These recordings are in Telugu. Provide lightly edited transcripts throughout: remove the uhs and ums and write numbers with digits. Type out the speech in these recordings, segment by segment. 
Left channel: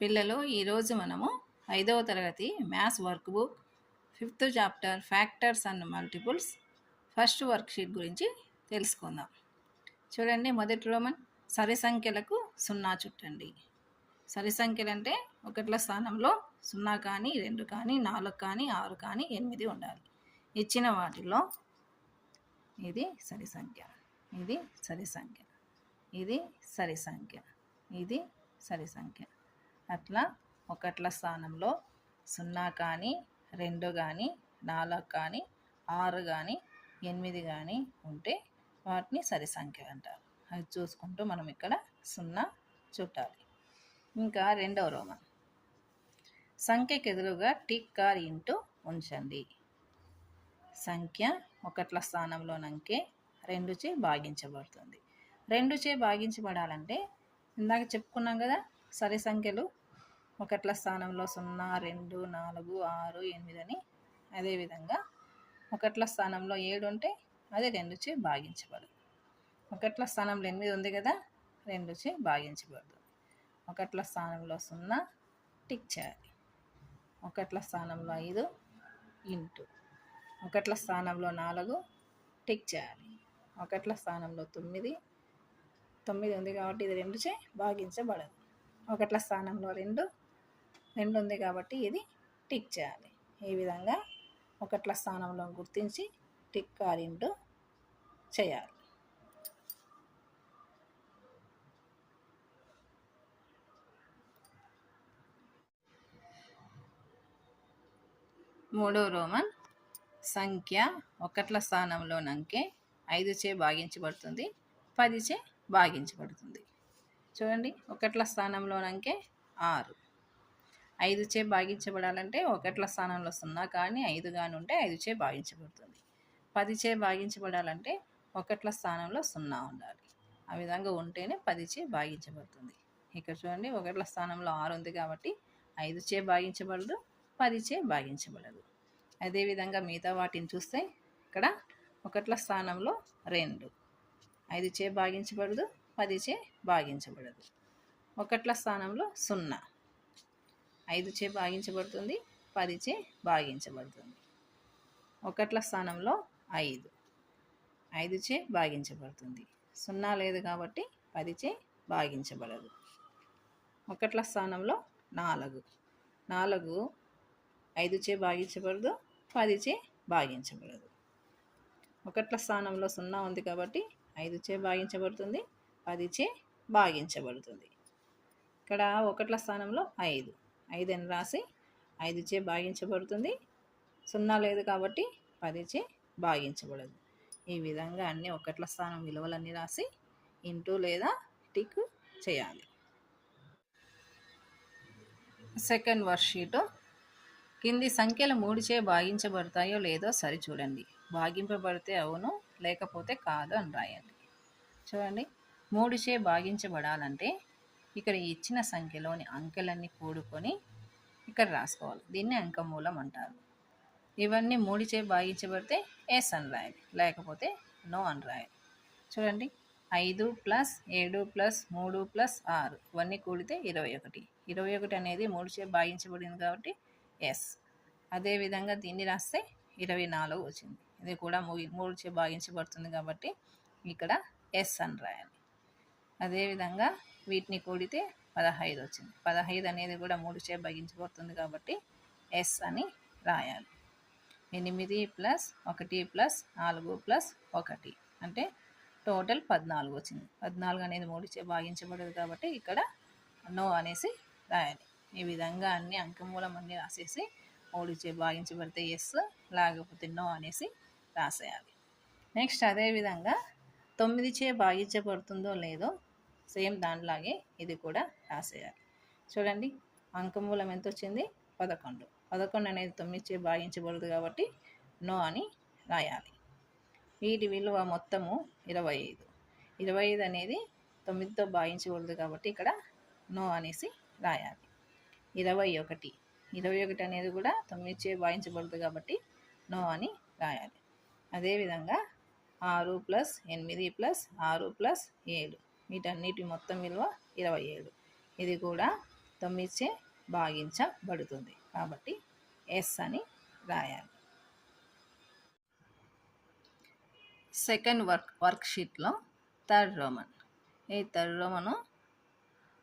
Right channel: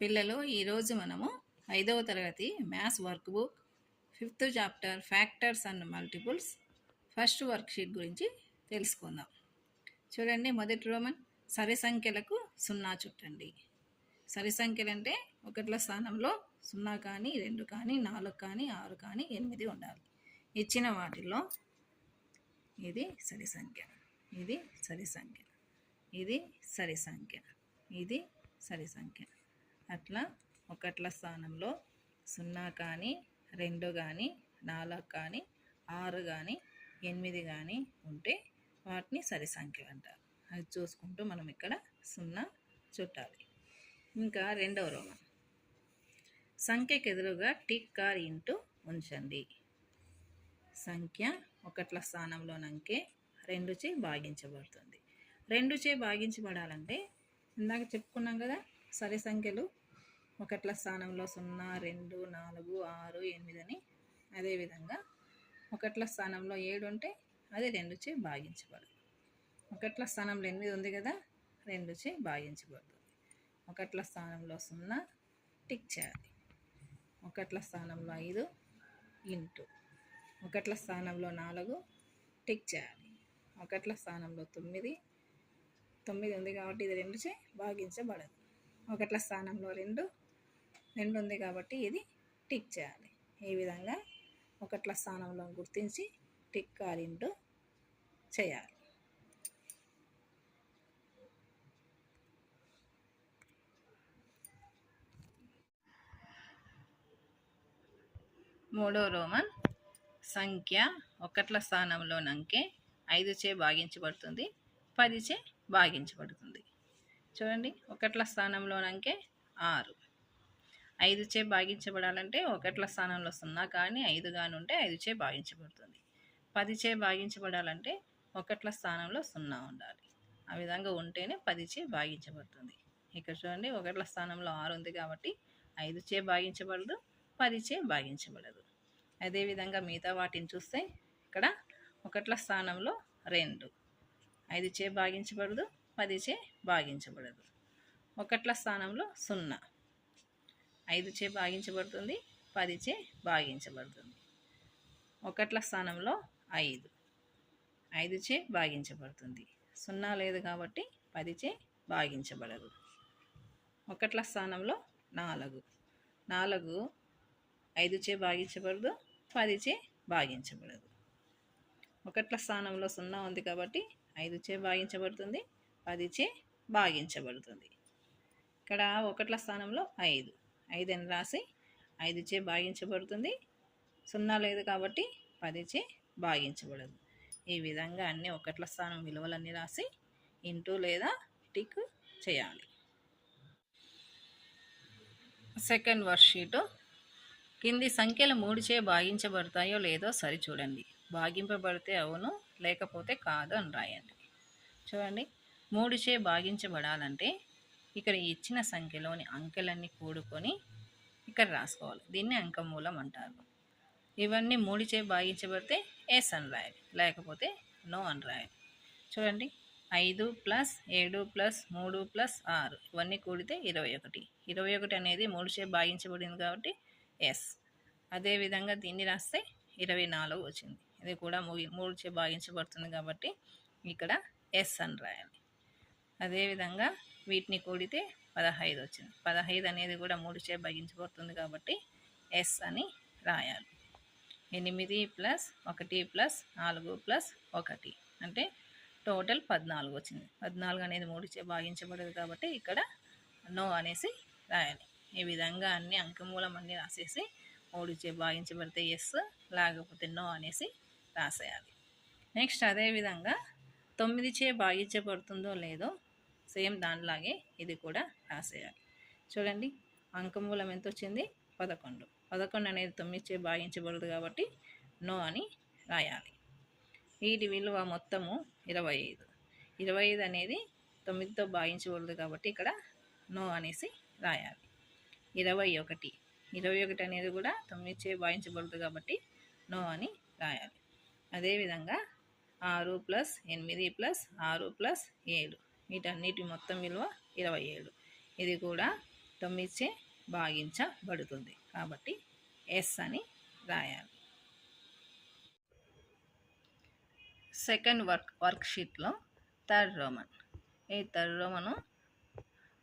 పిల్లలు ఈరోజు మనము 5వ తరగతి maths work book 5th chapter factors and multiples first worksheet గురించి తెలుసుకుందాం. చూడండి, మొదటి రోమన్ సరి సంఖ్యలకు 0 చుట్టండి. సరి సంఖ్యలు అంటే ఒకట్ల స్థానంలో 0 కానీ 2 కానీ 4 కానీ 6 కానీ 8 ఉండాలి. ఇచ్చిన వాటిలో ఇది సరి సంఖ్య, ఇది సరి సంఖ్య, ఇది సరి సంఖ్య, ఇది సరి సంఖ్య. అట్లా ఒకట్ల స్థానంలో 0 కానీ 2 కానీ 4 కానీ 6 కానీ 8 కానీ ఉంటే వాటిని సరి సంఖ్య అంటారు. అది చూసుకుంటూ మనం ఇక్కడ 0 చుట్టాలి. ఇంకా రెండవ రోమన్ సంఖ్యకు ఎదురుగా టిక్ ఆర్ ఇంటూ ఉంచండి. సంఖ్య ఒకట్ల స్థానంలోనంకే 2చే భాగించబడుతుంది. 2చే భాగించబడాలంటే ఇందాక చెప్పుకున్నాం కదా, సరి సంఖ్యలు ఒకట్ల స్థానంలో 0, 2, 4, 6, 8 అని. అదేవిధంగా ఒకట్ల స్థానంలో 7 ఉంటే అది 2చే భాగించబడదు. ఒకట్ల స్థానంలో 8 ఉంది కదా, 2చే భాగించబడుతుంది. ఒకట్ల స్థానంలో 0 టిక్ చేయాలి. ఒకట్ల స్థానంలో 5 ఇంటూ. ఒకట్ల స్థానంలో 4 టిక్ చేయాలి. ఒకట్ల స్థానంలో 9 ఉంది కాబట్టి ఇది 2చే భాగించబడదు. ఒకట్ల స్థానంలో 2 ఉంది కాబట్టి ఇది టిక్ చేయాలి. ఈ విధంగా ఒకట్ల స్థానంలో గుర్తించి టిక్ ఆర్ ఇంటూ చేయాలి. మూడో రోమన్ సంఖ్య ఒకట్ల స్థానంలోనంకే 5చే భాగించబడుతుంది, 10చే భాగించబడుతుంది. చూడండి, ఒకట్ల స్థానంలోనంకే 6. 5చే భాగించబడాలంటే ఒకట్ల స్థానంలో 0 కానీ 5 కానీ ఉంటే 5చే భాగించబడుతుంది. 10చే భాగించబడాలంటే ఒకట్ల స్థానంలో 0 ఉండాలి. ఆ విధంగా ఉంటేనే 10చే భాగించబడుతుంది. ఇక్కడ చూడండి, ఒకట్ల స్థానంలో 6 ఉంది కాబట్టి 5చే భాగించబడదు, 10చే భాగించబడదు. అదేవిధంగా మిగతా వాటిని చూస్తే ఇక్కడ ఒకట్ల స్థానంలో 2 5చే భాగించబడదు, 10చే భాగించబడదు. ఒకట్ల స్థానంలో 0 5చే భాగించబడుతుంది, 10చే భాగించబడుతుంది. ఒకట్ల స్థానంలో 5చే భాగించబడుతుంది. 0 లేదు కాబట్టి 10చే భాగించబడదు. ఒకట్ల స్థానంలో 4 5చే భాగించబడదు, 10చే భాగించబడదు. ఒకట్ల స్థానంలో 0 ఉంది కాబట్టి 5చే భాగించబడుతుంది, 10చే భాగించబడుతుంది. ఇక్కడ ఒకట్ల స్థానంలో 5 అని రాసి 5చే భాగించబడుతుంది. 0 లేదు కాబట్టి 10చే భాగించబడదు. ఈ విధంగా అన్ని ఒకట్ల స్థానం విలువలన్నీ రాసి ఇంటూ లేదా టిక్ చేయాలి. సెకండ్ వర్క్షీటు కింది సంఖ్యలు 3చే భాగించబడతాయో లేదో సరిచూడండి. భాగింపబడితే అవును, లేకపోతే కాదు అని రాయండి. చూడండి, 3చే భాగించబడాలంటే ఇక్కడ ఇచ్చిన సంఖ్యలోని అంకెలన్నీ కూడుకొని ఇక్కడ రాసుకోవాలి. దీన్ని అంకమూలం అంటారు. ఇవన్నీ 3చే భాగించబడితే ఎస్ అని రాయాలి, లేకపోతే నో అని రాయాలి. చూడండి, 5 + 7 + 3 + 6 ఇవన్నీ కూడితే 21. 21 అనేది 3చే భాగించబడింది కాబట్టి ఎస్. అదేవిధంగా దీన్ని రాస్తే 24 వచ్చింది. ఇది కూడా 3చే భాగించబడుతుంది కాబట్టి ఇక్కడ ఎస్ అని రాయాలి. అదేవిధంగా వీటిని కూడితే 15 వచ్చింది. 15 అనేది కూడా 3చే భాగించబడుతుంది కాబట్టి ఎస్ అని రాయాలి. 8 + 1 + 4 + 1 అంటే టోటల్ 14 వచ్చింది. 14 అనేది 3చే భాగించబడదు కాబట్టి ఇక్కడ నో అనేసి రాయాలి. ఈ విధంగా అన్ని అంకమూలం అన్నీ రాసేసి 3చే భాగించబడితే ఎస్, లేకపోతే నో అనేసి రాసేయాలి. నెక్స్ట్ అదేవిధంగా 9చే భాగించబడుతుందో లేదో సేమ్ దానిలాగే ఇది కూడా రాసేయాలి. చూడండి, అంకమూలం ఎంత వచ్చింది? 11. 11 అనేది 9చే భాగించబడదు కాబట్టి నో అని రాయాలి. వీటి విలువ మొత్తము 25. 25 అనేది 9తో భాగించబడదు కాబట్టి ఇక్కడ నో అనేసి రాయాలి. 21 అనేది కూడా 9చే భాగించబడదు కాబట్టి నో అని రాయాలి. అదేవిధంగా 6 + 8 + 6 + 7 వీటన్నిటి మొత్తం విలువ 27. ఇది కూడా 9చే భాగించబడుతుంది. కాబట్టి ఎస్ అని రాయాలి. సెకండ్ వర్క్షీట్లో థర్డ్ రోమన్. ఈ థర్డ్ రోమను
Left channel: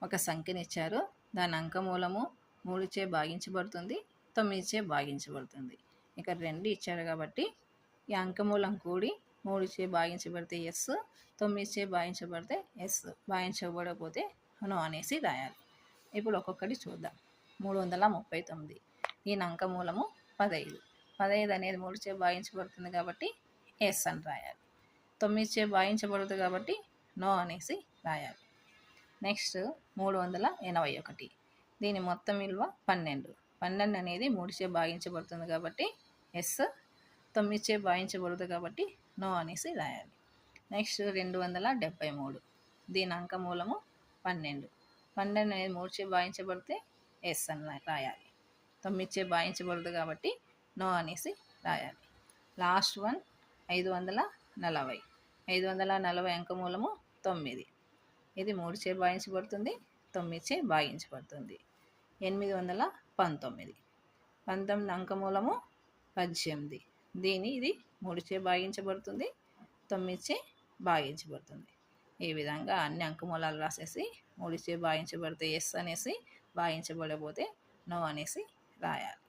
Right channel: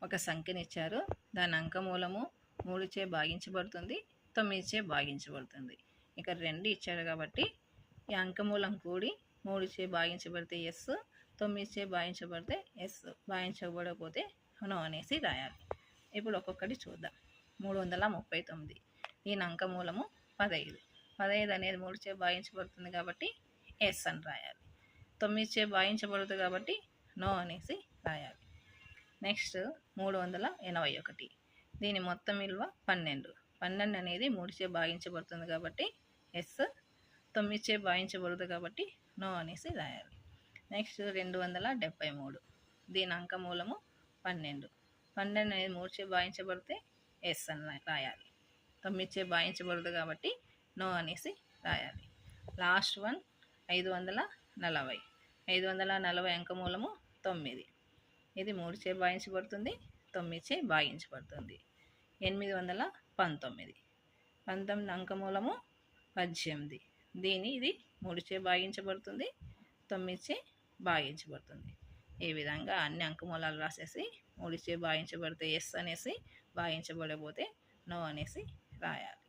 ఒక సంఖ్యనిచ్చారు. దాని అంకమూలము 3చే భాగించబడుతుంది, 9చే భాగించబడుతుంది. ఇక్కడ 2 ఇచ్చారు కాబట్టి ఈ అంకమూలం కూడి 3చే భాగించబడితే ఎస్, 9చే భాగించబడితే ఎస్, భాగించబడకపోతే నో అనేసి రాయాలి. ఇప్పుడు ఒక్కొక్కటి చూద్దాం. 339. దీని అంకమూలము 15. 15 అనేది 3చే భాగించబడుతుంది కాబట్టి ఎస్ అని రాయాలి. 9చే భాగించబడుతుంది కాబట్టి నో అనేసి రాయాలి. నెక్స్ట్ 381. దీని మొత్తం విలువ 12. 12 అనేది 3చే భాగించబడుతుంది కాబట్టి ఎస్, 9చే భాగించబడుతుంది కాబట్టి నో అనేసి రాయాలి. నెక్స్ట్ 273. దీని అంకమూలము 12. 12 అనేది 3చే భాగించబడితే ఎస్ అని రాయాలి. 9చే భాగించబడుతుంది కాబట్టి నో అనేసి రాయాలి. Last one 540. 540 అంకమూలము 9. ఇది 3చే భాగించబడుతుంది, 9చే భాగించబడుతుంది. 819. 19 అంకమూలము 18. ఇది 3చే భాగించబడుతుంది, 9చే భాగించబడుతుంది. ఈ విధంగా అన్ని అంకమూలాలు రాసేసి 3చే భాగించబడితే ఎస్ అనేసి, భాగించబడకపోతే నో అనేసి రాయాలి.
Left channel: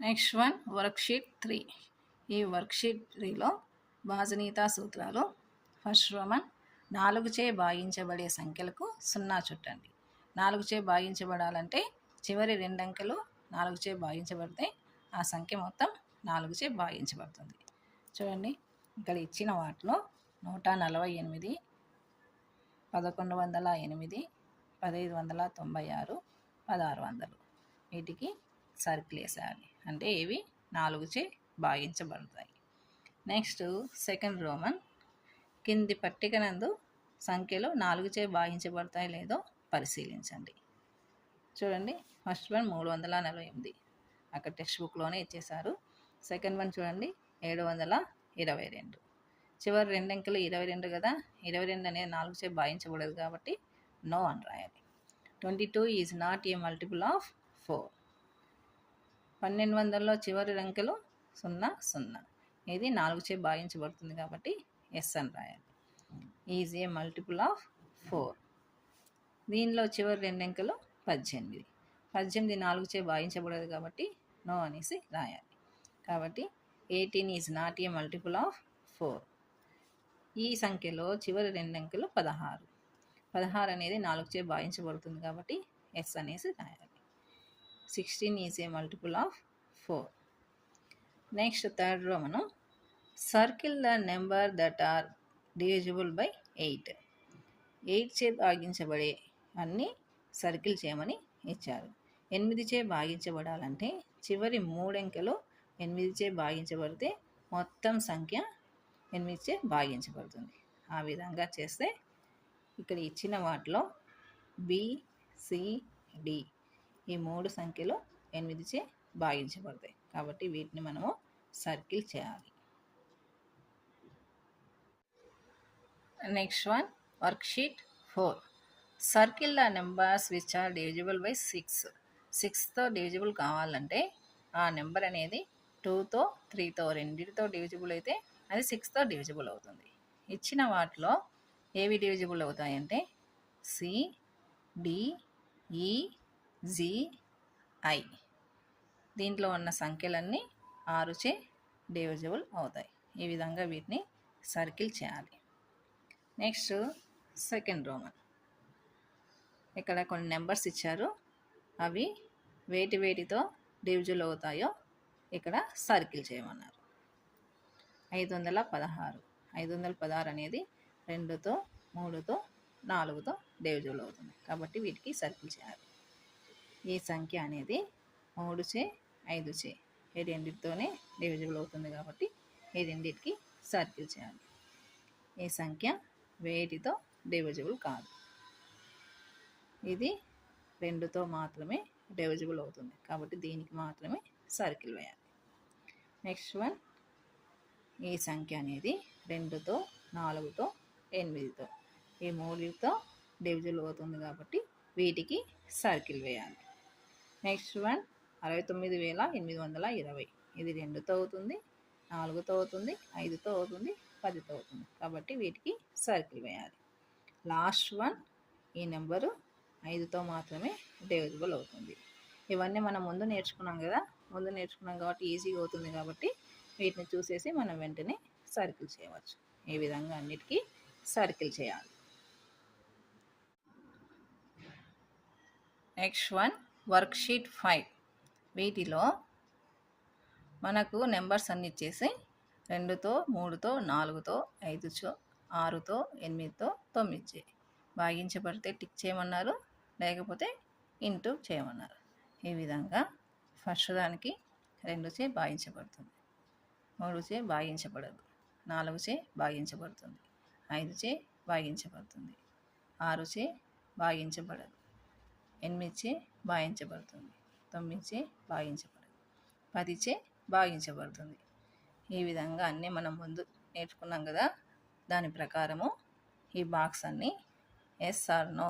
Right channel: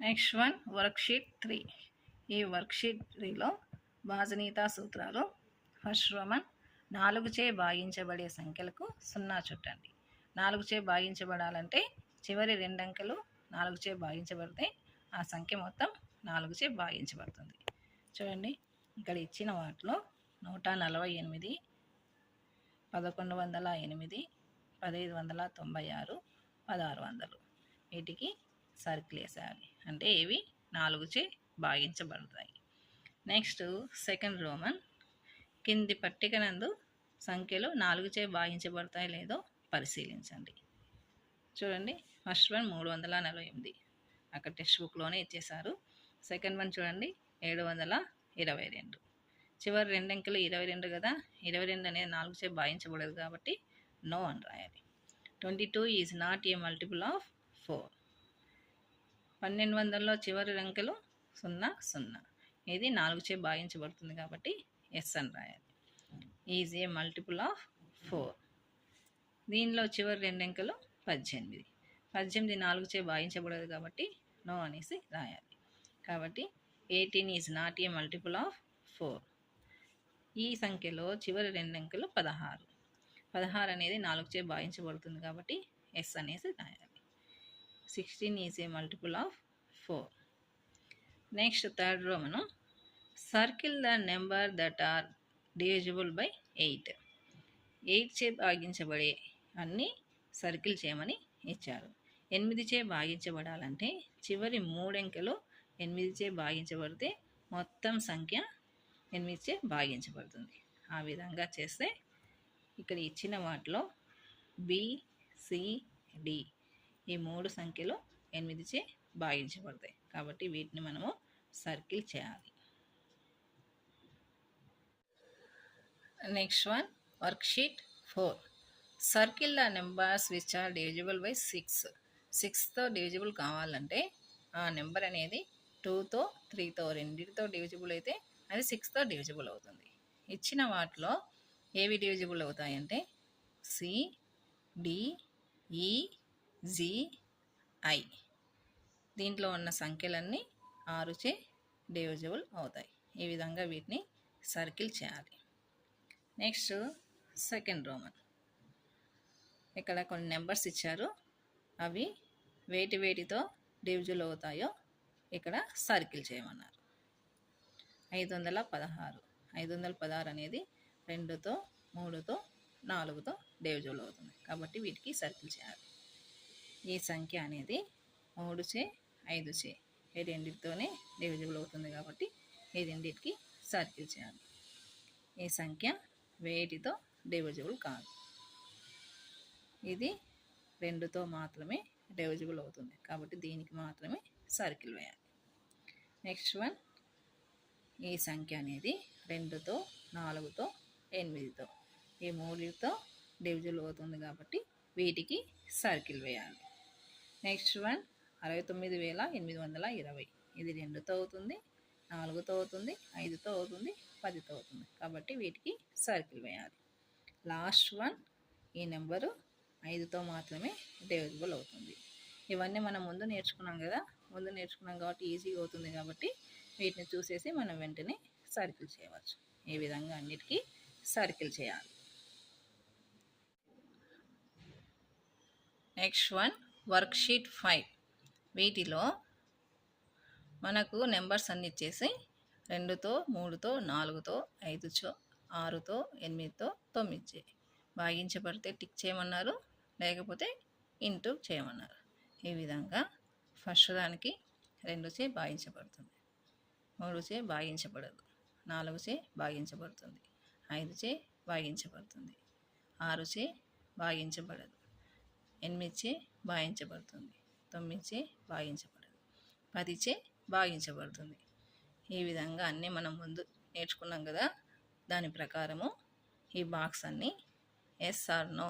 Next one worksheet 3. ఈ వర్క్షీట్ 3లో భాజనీయతా సూత్రాలు. First Roman 4చే భాగించబడే సంఖ్యలకు 0 చుట్టండి. 4చే భాగించబడాలంటే చివరి 2 అంకెలు 4చే భాగించబడితే ఆ సంఖ్య మొత్తం 4చే భాగించబడుతుంది. చూడండి, ఇక్కడ ఇచ్చిన వాటిలో 148, 1108, 1596, 1600 వీటికి సర్కిల్ వేసేయాలి. అంటే ఇవి 4చే భాగించబడతాయి. నెక్స్ట్ సెకండ్ రోమన్ కింది పట్టిక నందు సంఖ్యలు 4చే భాగించబడతాయి లేదో పరిశీలించండి. చూడండి, ఫస్ట్ వన్ 348, అక్కడ టెక్స్ట్ బుక్లోనే ఇచ్చేశారు. సెకండ్ వన్ చూడండి 722. చివరి 2 అంకెలు 22 కదా, 22 అనేది 4చే భాగించబడదు కాబట్టి నో అని రాయాలి. 22 is not a multiple of 4. 1200లో చివరి అంకెలు 00. ఇది 4చే భాగించబడుతుంది కాబట్టి ఎస్ అని రాయాలి. Is a multiple of 4. దీనిలో చివరి 2 అంకెలు 18. 18 4చే భాగించబడదు కాబట్టి నో అనేసి రాయాలి. కాబట్టి 18 is not a multiple of 4. ఈ సంఖ్యలో చివరి 2 అంకెలు 16. 16 అనేది 4చే భాగించబడుతుంది కాబట్టి ఎస్ అనేసి రాయాలి. 16 is a multiple of 4. Next third row మనం circle the number that are divisible by 8. 8చే భాగించబడే అన్నీ సర్కిల్ చేయమని ఇచ్చారు. 8చే భాగించబడాలంటే చివరి 3 అంకెలు 8చే భాగించబడితే మొత్తం సంఖ్య 8చే భాగించబడుతుంది. ఆ విధంగా చేస్తే ఇక్కడ ఇచ్చిన వాటిలో బి, సి, డి ఈ 3 సంఖ్యలు 8చే భాగించబడతాయి కాబట్టి వీటిని మనము సర్కిల్ చేయాలి. Next one worksheet 4. Circle the numbers which are divisible by 6. 6తో డివిజిబుల్ కావాలంటే ఆ నెంబర్ అనేది 2తో 3తో రెండింటితో డివిజిబుల్ అయితే అది 6తో డివిజిబుల్ అవుతుంది. ఇచ్చిన వాటిలో ఏవి డివిజిబుల్ అవుతాయంటే సి, డి, ఈ, జి, ఐ. దీంట్లో ఉన్న సంఖ్యలన్నీ 6చే డివిజిబుల్ అవుతాయి. ఈ విధంగా వీటిని సర్కిల్ చేయాలి. Next second Roman. ఇక్కడ కొన్ని నెంబర్స్ ఇచ్చారు, అవి వేటితో డివిజిబుల్ అవుతాయో ఇక్కడ సర్కిల్ చేయమన్నారు. 516. 516 అనేది 2తో 3తో 4తో డివిజిబుల్ అవుతుంది కాబట్టి వీటికి సర్కిల్ చేయాలి. ఈ సంఖ్య అనేది 3చే 5చే ఈ రెండింటితోనే డివిజిబుల్ అవుతుంది కాబట్టి ఈ రెండింటికి సర్కిల్ చేయాలి. ఈ సంఖ్య వేటితో డివిజిబుల్ కాదు, ఇది 2తో మాత్రమే డివిజిబుల్ అవుతుంది కాబట్టి దీనికి మాత్రమే సర్కిల్ వేయాలి. నెక్స్ట్ వన్ ఈ సంఖ్య అనేది 2తో 4తో 8తో ఈ మూడుతో డివిజిబుల్ అవుతుంది కాబట్టి వీటికి సర్కిల్ వేయాలి. Next one 69,820. ఇది 2తో అవుతుంది, 4తో అవుతుంది, 5తో అవుతుంది, 10తో అవుతుంది కాబట్టి వీటికి సర్కిల్ వేయాలి. లాస్ట్ వన్ ఈ నెంబరు 5తో మాత్రమే డివిజిబుల్ అవుతుంది. ఇవన్నీ మనం ముందు నేర్చుకున్నాం కాబట్టి ఈజీగా అవుతుంది కాబట్టి వీటిని చూసేసి మనం వెంటనే సర్కిల్ చేయవచ్చు. ఈ విధంగా అన్నిటికీ సర్కిల్ చేయాలి. Next one worksheet 5. వీటిలో మనకు నెంబర్స్ అన్ని ఇచ్చేసి 2తో 3తో 4తో 5తో 6తో 8తో 9 భాగించబడితే టిక్ చేయమన్నారు, లేకపోతే ఇంటూ చేయమన్నారు. ఈ విధంగా ఫస్ట్ దానికి 2చే భాగించబడుతుంది, 3చే భాగించబడదు, 4చే భాగించబడుతుంది, 5చే భాగించబడుతుంది, 6చే భాగించబడదు, 8చే భాగించబడుతుంది, 9చే భాగించబడదు, 10చే భాగించబడుతుంది. ఈ విధంగా అన్నీ మనం ముందు నేర్చుకున్నాం కదా, దాని ప్రకారము ఈ బాక్స్ అన్నీ yes or no,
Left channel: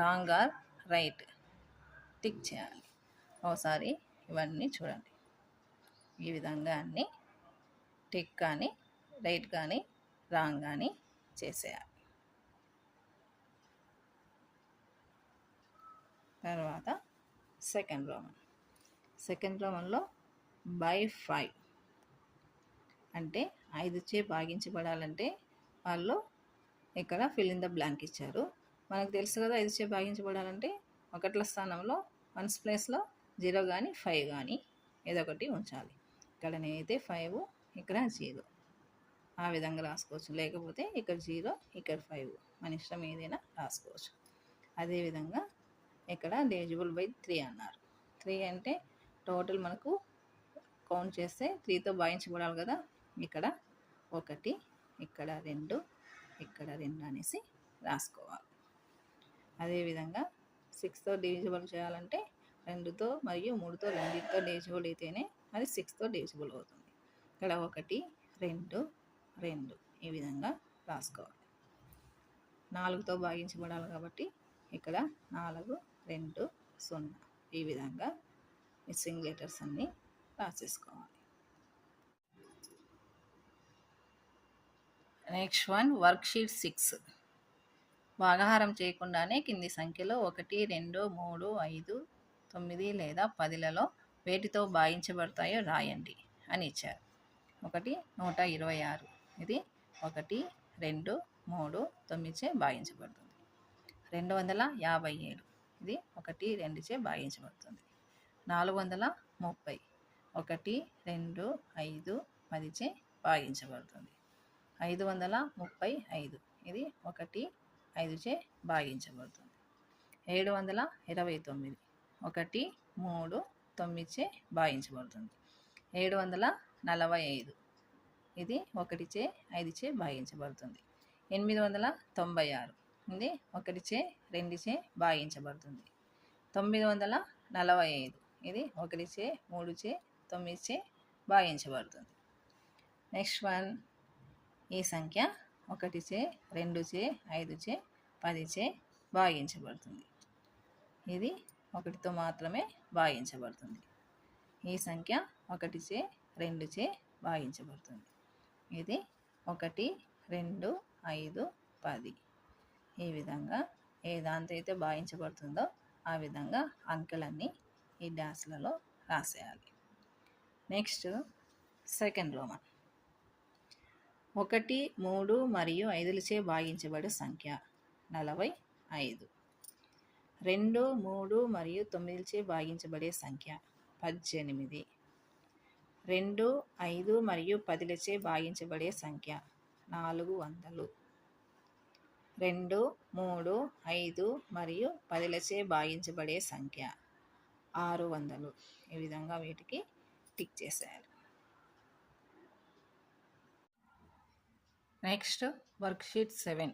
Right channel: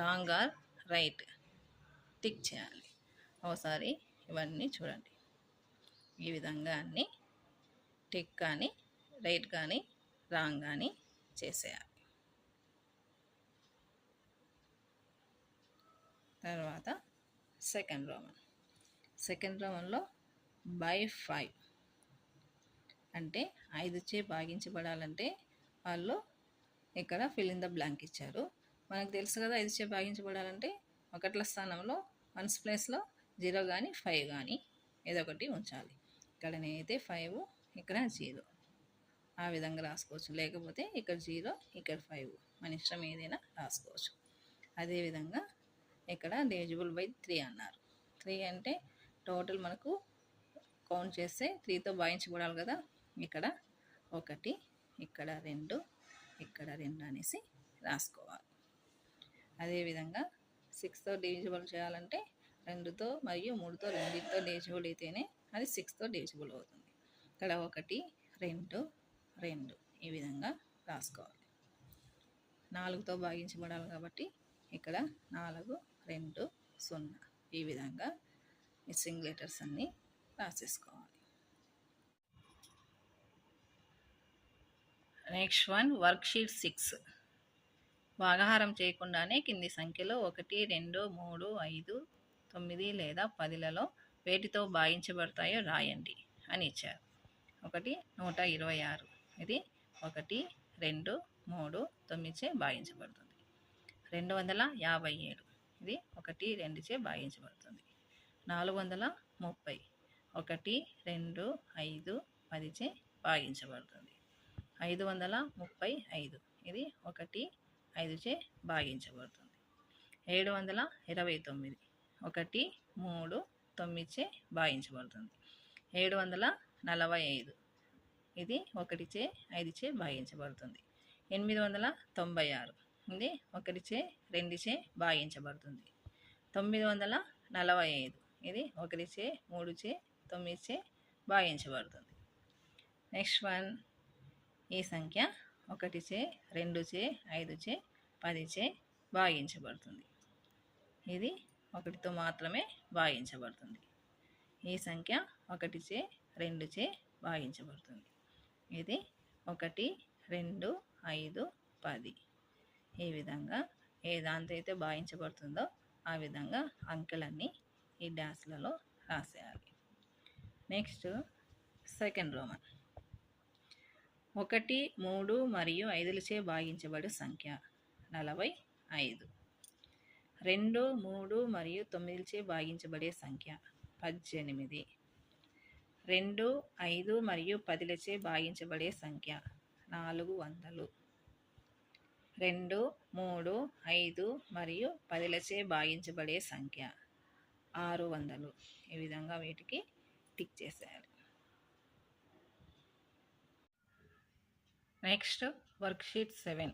wrong or right tick చేయాలి. ఒకసారి ఇవన్నీ చూడండి. ఈ విధంగా అన్నీ టిక్ కానీ రైట్ కానీ రాంగ్ కానీ చేసేయాలి. తర్వాత సెకండ్ రోమన్లో బై 5 అంటే 5చే భాగించబడాలంటే వాళ్ళు ఇక్కడ ఫిల్ ఇన్ ద బ్లాంక్ ఇచ్చారు. మనకు తెలుసు కదా 5చే భాగించబడాలంటే ఒకట్ల స్థానంలో 1s ప్లేస్లో 0 కానీ 5 కానీ ఏదో ఒకటి ఉంచాలి. ఇక్కడ నేనైతే 5, ఇక్కడ 0 ఆ విధంగా రాసుకోవచ్చు, లేకపోతే ఇక్కడ 0 ఇక్కడ 5 మన ఇష్టం ఏదైనా రాసుకోవచ్చు. అదేవిధంగా ఇక్కడ డివిజిబుల్ బై 3 అన్నారు. 3 అంటే టోటల్ మనకు కౌంట్ చేస్తే 3తో భాగించబడాలి కదా, ఇక్కడ 1, ఇక్కడ 2, ఇక్కడ 2 అనేసి రాసుకోవాలి. అదేవిధంగా 6తో డివిజిబుల్ చేయాలంటే 2తో మరియు 3తో రెండింటితో డివిజిబుల్ అయితేనే అది 6తో డివిజిబుల్ అవుతుంది. ఇక్కడ 1, 2, 2 ఈ విధంగా రాసుకోవాలి. 4తో భాగించబడాలి కాబట్టి ఇక్కడ 4, 2, 0 ఈ విధంగా మిస్సింగ్ లెటర్స్ అన్నీ రాసేసుకోవాలి. Next one worksheet 6. భాగాహారం చేయకుండానే కింది సంఖ్యలో 1, 2, 3, 5, 9 లేదా 10లలో వేటితో భాగించబడతాయో రాయండి అని ఇచ్చారు. 1 126, ఇది 1, 2, 3, 9చే భాగించబడుతుంది. 257, ఇది 1, 2చే భాగించబడుతుంది. 430, 1, 2, 5, 10చే భాగించబడుతుంది. 535, ఇది 1, 5చే భాగించబడుతుంది. 729, 1, 3, 9చే భాగించబడుతుంది. 745, ఇది 1చే 5చే భాగించబడుతుంది. 896, ఇది 1చే 2చే భాగించబడుతుంది. 945, ఇది 1చే 3చే 9చే భాగించబడుతుంది. నెక్స్ట్ వన్ ఈ సంఖ్య 1చే 2చే 5చే 10చే భాగించబడుతుంది. ఇది 1తో మాత్రమే భాగించబడుతుంది. ఈ సంఖ్య 1చే 2చే భాగించబడుతుంది. ఇది 1, 2, 5, 10 ఈ విధంగా ఏ దాంతో అయితే భాగించబడుతుందో ఆ విధంగా అంకెలన్నీ ఈ డాష్లలో రాసేయాలి. నెక్స్ట్ సెకండ్ రోమన్ 1, 3 మరియు 5లచే భాగించబడే సంఖ్య 45. 2, 3 మరియు 9లచే భాగించబడే సంఖ్య 18. 2, 5 మరియు 10లచే భాగించబడే సంఖ్య 400. 2, 3, 5 మరియు 10లచే భాగించబడే సంఖ్య 600. ఈ విధంగా వీటికి టిక్ చేసేయాలి. Next worksheet 7.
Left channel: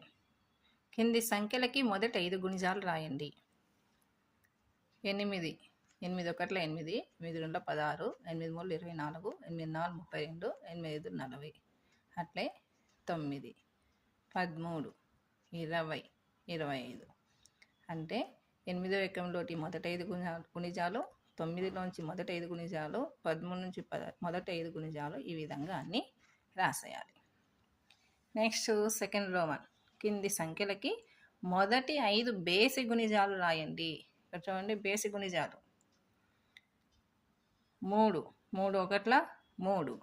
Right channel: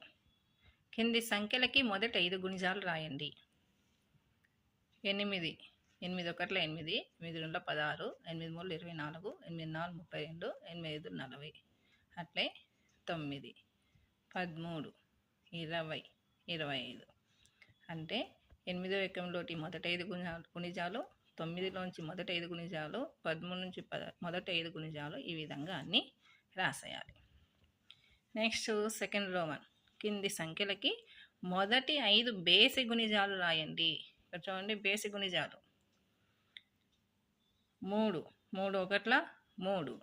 కింది సంఖ్యలకి మొదట 5 గుణిజాలు రాయండి. 8, 8 1 8, 8 2 16, 8 3 24, 8 4 32, 8 5 40. అట్లే 9, 13, 20, 25. అంటే 8వ ఎకంలోటి మొదటి 5 గుణిజాలు, 9లోంచి మొదటి 5 గుణిజాలు, 13 నుంచి మొదటి 5 గుణిజాలు, ఈ విధంగా అన్నీ రాసేయాలి. నెక్స్ట్ సెకండ్ రోమన్, కింది సంఖ్యలకి మొదటి 5 బేసి గుణిజాలు రాయండి. ఇక్కడ చూడండి, బేసి గుణిజాలు 3, 3 ఒకట్ల 3,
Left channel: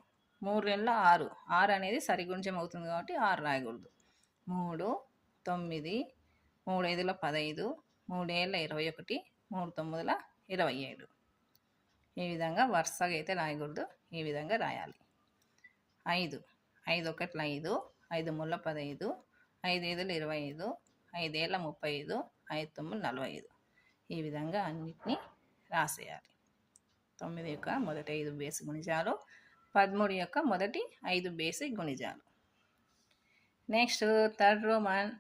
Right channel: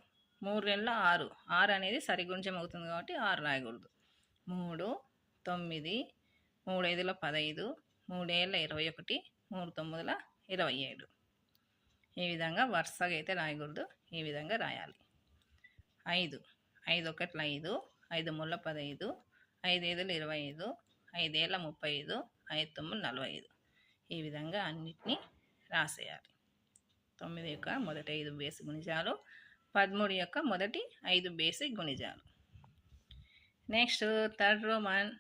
3 రెండ్ల 6, 6 అనేది సరిగుణిజం అవుతుంది కాబట్టి 6 రాయకూడదు. 3, 9, 3 5ల 15, 3 7ల 21, 3 9ల 27. ఈ విధంగా వరుసగా అయితే రాయకూడదు, ఈ విధంగా రాయాలి. 5, 5 ఒకట్ల 5, 5 3ల 15, 5 5ల 25, 5 7ల 35, 5 9 45. ఈ విధంగా అన్నిటినీ రాసేయాలి. 9 యొక్క మొదటి 5 బేసి గుణిజాలు, 13 యొక్క మొదటి 5 బేసి గుణిజాలు. నెక్స్ట్ థర్డ్ రోమన్,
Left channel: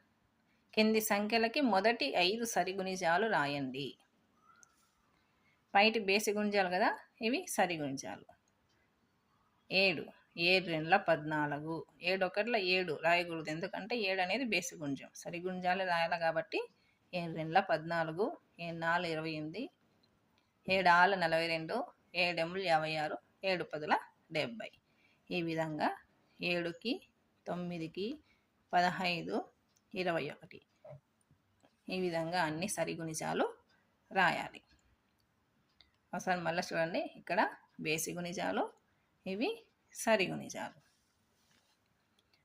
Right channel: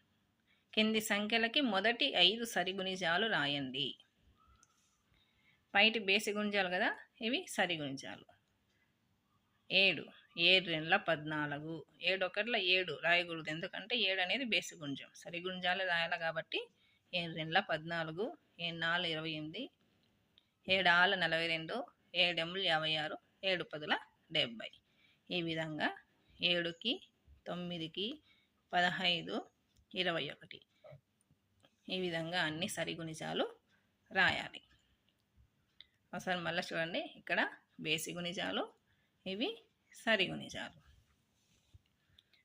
కింది సంఖ్యలకి మొదటి 5 సరిగుణిజాలు రాయండి. పైటి బేసి గుణిజాలు కదా, ఇవి సరిగుణిజాలు. 7, 7 రెండ్ల 14, 7 ఒకట్ల 7 రాయకూడదు, ఎందుకంటే 7 అనేది బేసి గుణిజం. సరిగుణిజాలు రాయాలి కాబట్టి 7 రెండ్ల 14, 7 4 28, 7 6 42, 7 8 56, 7 10 70. ఈ విధంగా 7కి 9కి 15, 21. ఈ విధంగా అన్ని సరిగుణిజాలు రాయాలి. ఒకసారి మళ్ళీ చూడండి, ఇక్కడ బేసి గుణిజాలు, ఇవి సరిగుణిజాలు.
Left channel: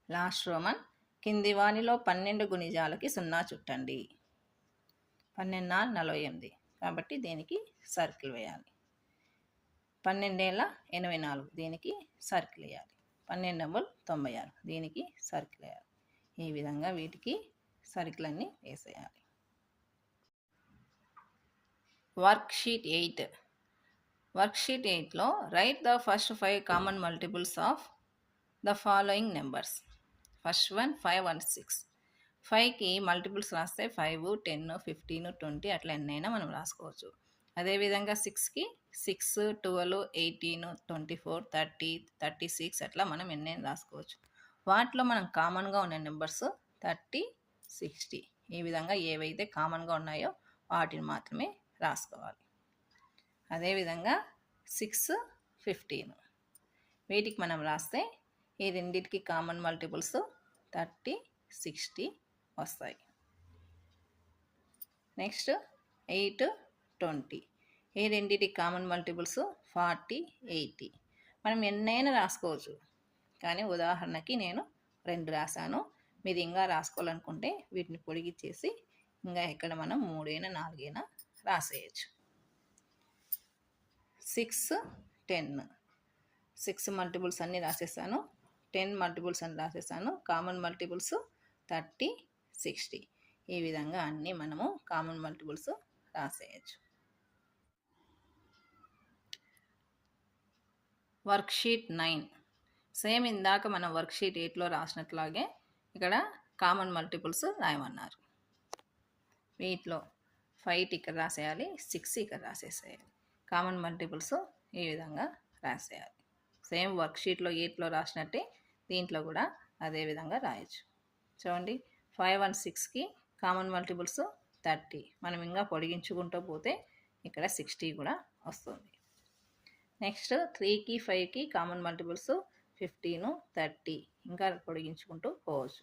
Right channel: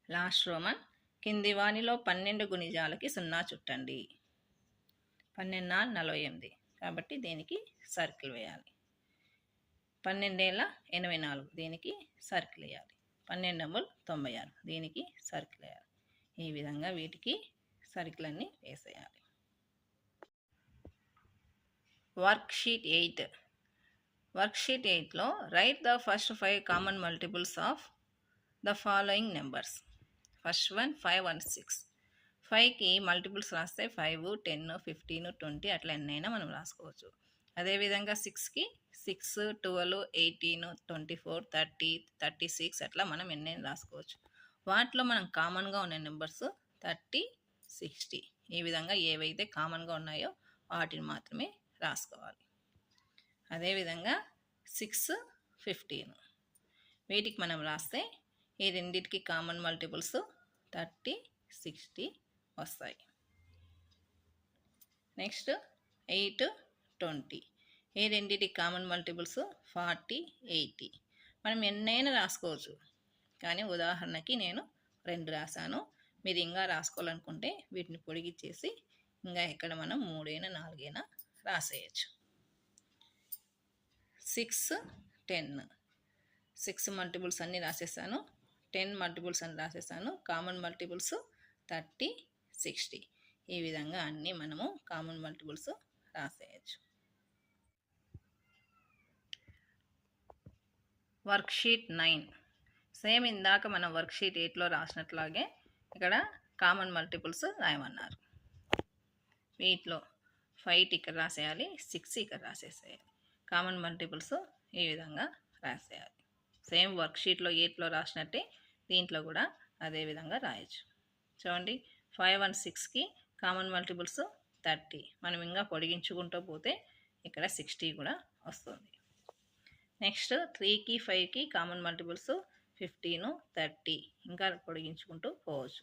లాస్ట్ రోమన్, కింది వానిలో 12 గుణిజాలకి 0 చుట్టండి. 12 48 కాబట్టి దీనికి సర్కిల్ వేయాలి. 12 84 దీనికి సర్కిల్ వేయాలి. 12 96 దీనికి సర్కిల్ వేయాలి. ఈ విధంగా వీటికి సర్కిల్ అన్నీ వేసేయాలి. వర్క్షీట్ 8. వర్క్షీట్ 8లో write the first 5 common multiples of the following numbers. First one 5 and 6. 5కి మల్టిపుల్స్ రాస్తే 5, 10, 15, 20 అట్లా ఎన్నైనా మనం రాసుకోవచ్చు. అదేవిధంగా 6కి 6, 12, 18, 24, 30, 36 అట్లా మనం ఎన్నైనా రాసుకోవచ్చు. వాటిలో మనం కామన్గా ఉన్న నెంబర్స్ 30, 60. ఈ విధంగా ఏవైతే కామన్గా ఉన్నాయో వాటిని మాత్రమే రాసుకోవాలి. అదేవిధంగా 6, 15 వీటికి మనం రాస్తే ఈ రెండింటికి కామన్ మల్టిపుల్స్ 30, 60 వస్తాయి. నెక్స్ట్ 8, 20 ఈ రెండింటికి కామన్ మల్టిపుల్స్ 40, 80. మనం ఎన్నైనా రాసుకోవచ్చు, కానీ ఉదాహరణకి నేను 2 రాశాను. మీరు ఇంకా రాసుకోవాలనుకుంటే వీటిని పొడిగిచ్చేసి ఇంకా ఇక్కడ మనం 3 అయినా 4 అయినా రాసేయచ్చు. 6, 10 6 మల్టిపుల్స్ అన్నీ రాసేసాను, 10 మల్టిపుల్స్ అని రాసేసాను. Common multiples 30, 60. ఈ విధంగా అన్నీ మనము కామన్ మల్టిపుల్స్ రాసేయచ్చు. వర్క్షీట్ 9. సేమ్ ఇందాక మనం వర్క్షీట్ 8లో రాసినట్లాగే ఇక్కడ కామన్ మల్టిపుల్స్ రాయమన్నారు. వీటిలో 5 ఇక్కడ రాసేయాలి, 6 ఇక్కడ రాసేసేయాలి. కామన్ మల్టిపుల్స్ ఈ విధంగా రాసేయాలి. సేమ్ వర్క్షీట్లో 8లో రాసినట్టే దీంట్లో కూడా అదే విధంగా రాయొచ్చు. చూడండి, 5 and 6కి కామన్ మల్టిపుల్స్ 30. మనం ఇంకా పొడిగించుకుంటూ పోతే ఇక్కడ 60 కూడా వస్తుంది. నెక్స్ట్ 3కి 5కి కామన్ మల్టిపుల్స్ 15, 30. ఇంకా పొడిగించుకుంటూ పోవచ్చు.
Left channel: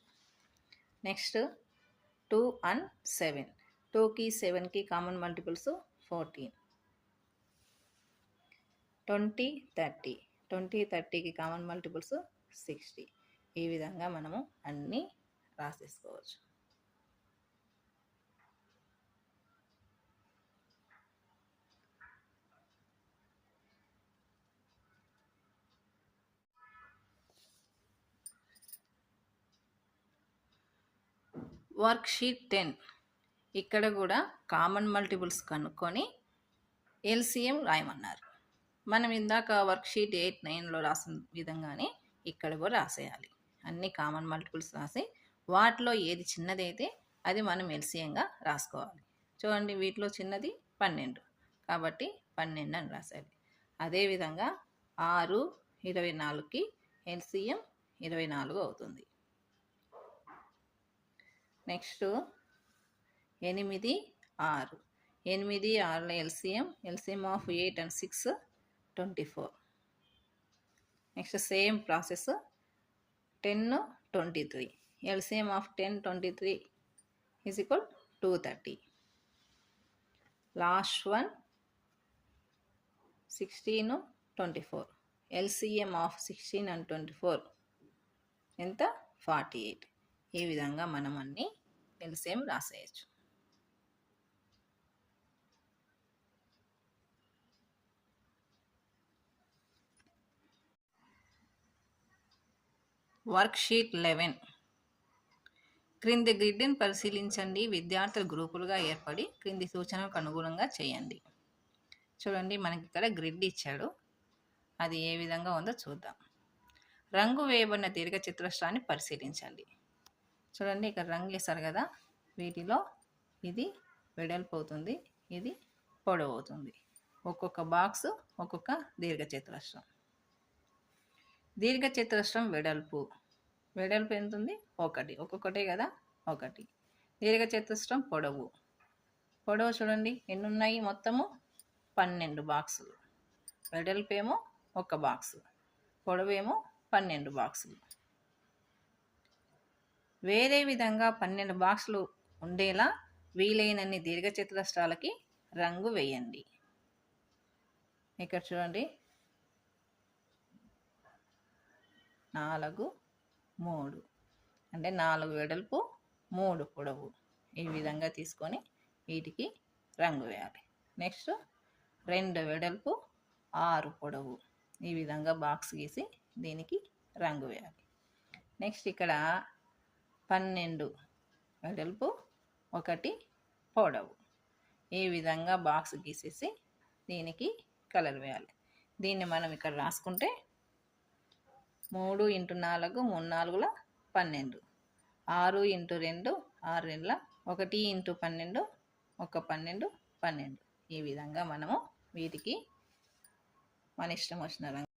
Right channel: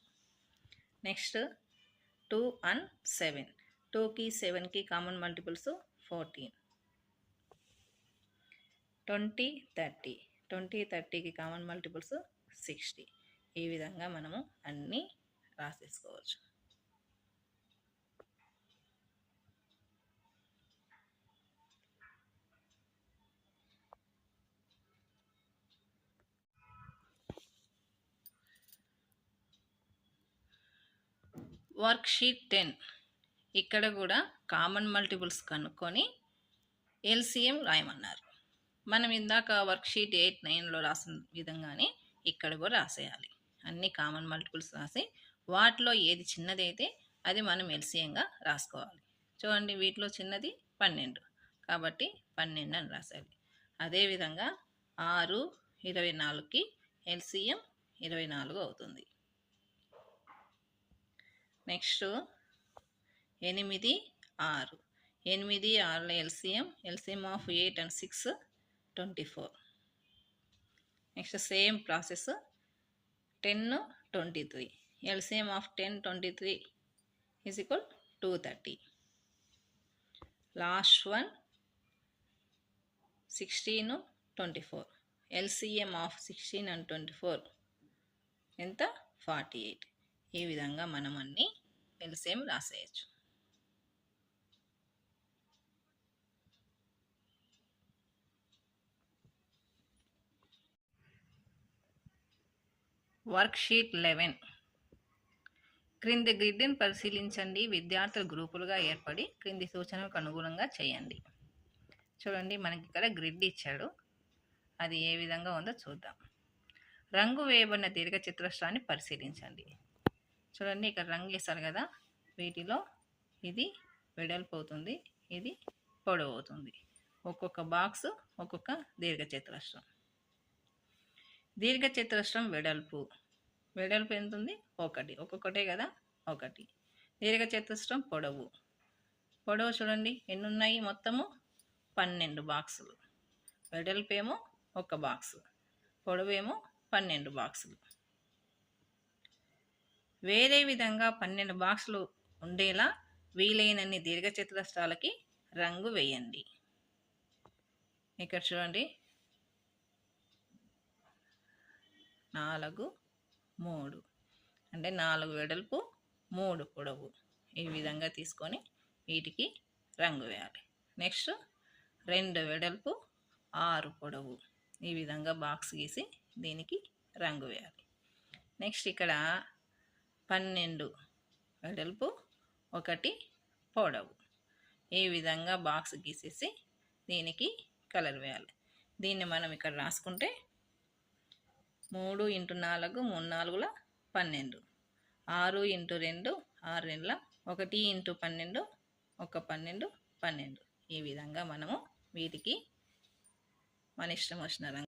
Next 2 and 7. 2కి 7కి కామన్ మల్టిపుల్స్ 14. 20, 30. 20, 30కి కామన్ మల్టిపుల్స్ 60. ఈ విధంగా మనము అన్నీ రాసేసుకోవచ్చు. వర్క్షీట్ 10. ఇక్కడ కూడా కామన్ మల్టిపుల్స్ కనుక్కొని ఎల్సిఎం రాయమన్నారు. మనం ఇందాక వర్క్షీట్ 8, 9లో రాసిన విధంగానే ఇక్కడ కూడా రాసేయాలి. అన్ని కామన్ మల్టిపుల్స్ రాసి వాటిలో ఏది చిన్నదైతే అది మనం ఎల్సిఎంగా రాసుకోవాలి. చూడండి, వీటిలో చిన్నది 12 కాబట్టి 12 అని రాసేయాలి. అదేవిధంగా 6, 24కి ఎల్సిఎం 24 అవుతుంది. Next 8, 6. 8, 6 LCM of 8 and 6 24. Next same process 10, 23. LCM of 10, 23 is equal 230. Last one 16, 24. LCM of 16 and 24 ఎంత 48. ఈ విధంగా మనం అన్ని LCM రాసేయచ్చు. వర్క్షీట్ 11. క్రింది గ్రిడ్ని పరిశీలించండి. విద్యార్థులు గ్రూపులుగా ఏర్పడి క్రింది సూచనలకు అనుగుణంగా చేయండి. చూడండి, మనకి ఇక్కడ గ్రిడ్ ఇచ్చాడు. అది ఏ విధంగా ఉందో చూద్దాం. రంగు వేయబడిన దీర్ఘచతురస్రాన్ని పరిశీలించండి. చూడండి, ఇక్కడ రంగు వేశారు కదా, వీటిలో ఇది వెడల్పు అవుతుంది, ఇది పొడవు అవుతుంది. ఒక్కొక్క బాక్స్ ఒక్కొక్క దీర్ఘచతురస్రం. దీర్ఘచతురస్రం వెడల్పు ఎంత ఉంది? 1. ఒక్కొక్కటే కదా, 1. దీర్ఘచతురస్రం పొడవు చూడండి ఎన్ని ఉన్నాయి? మొత్తము 12 బాక్సులు. వెడల్పు ఏమో 1 బాక్సు, పొడవు ఏమో 12 బాక్సులు. వేరే విధంగా 12 బాక్సులు ఉండేలా వీలైనన్ని దీర్ఘచతురస్రాలకి రంగు వేయండి. ఇక్కడ చూడండి 4, 3 అంటే 4 వెడల్పు 3 పొడవు. ఈ విధంగా తీసుకొని వీటికి రంగు వేయాలి. నెక్స్ట్ 2 వెడల్పు 6 పొడవు. ఈ విధంగా బాక్స్ గీసి దీనికి రంగు వేయాలి. నెక్స్ట్ ఇక్కడ 12 వెడల్పు 1 పొడవు. ఈ విధంగా బాక్స్ గీసేసి దీనికి కలర్ వేయాలి. దీన్ని మనం ఇక్కడ రాసుకుంటే 3 × 4 3 4 12, 6 × 2 6 2 1 × 12 1 12 12. ఈ విధంగా మనము వీటికి మన ఇష్టం వచ్చిన రంగు